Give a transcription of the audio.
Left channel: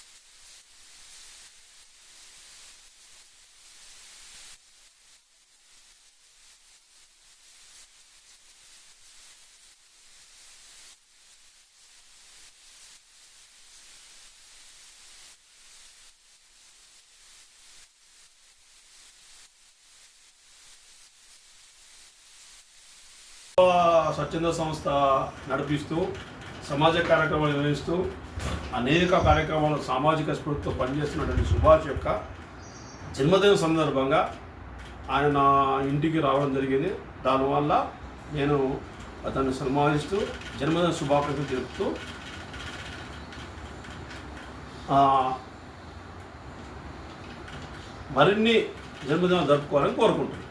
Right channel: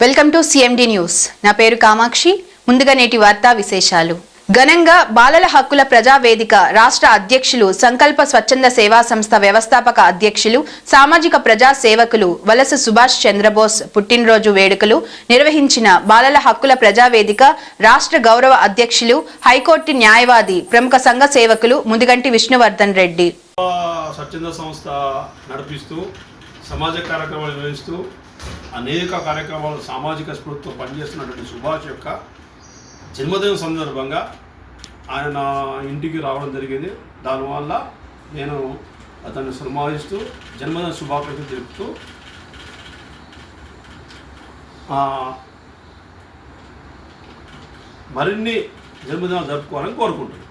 Welcome to CMD news నా పేరు కామాక్షి. ముందుగా నేటి వార్తా విశేషాలు. ఘనంగా బాలల హక్కుల ప్రజావేదిక రాష్ట్ర అధ్యక్షులు సంకల్ప స్వచ్ఛంద సేవా సంస్థ వ్యవస్థాపక అధ్యక్షులు సామాజిక ప్రజా సేవకులు వలస సుభాష్ చంద్రబోస్ పుట్టినరోజు వేడుకలు నిర్వహించిన బాలల హక్కుల ప్రజా వేదిక రాష్ట్ర గౌరవ అధ్యక్షులు హైకోర్టు న్యాయవాది ప్రముఖ సంఘ సేవకులు ముదిగంటి విష్ణువర్ధన్ రెడ్డి. స్వచ్ఛంద సంస్థ నడిపిస్తూ సమాజ కార్యక్రమాలు నిర్వహిస్తూ అనేక కార్యక్రమాలు సామాజిక స్ఫూర్తితో పనిచేస్తున్నటువంటి సుభాష్ యొక్క జన్మదిన సందర్భంగా ఆయన నా ఇంటికి రావడం జరిగింది. దానివల్ల నేను అతన్ని సన్మానిస్తూ జన్మదిన శుభాకాంక్షలు తెలుపుతూ మరిన్ని జన్మదినాలు జరుపుకోవాలని కోరుకుంటున్నాను.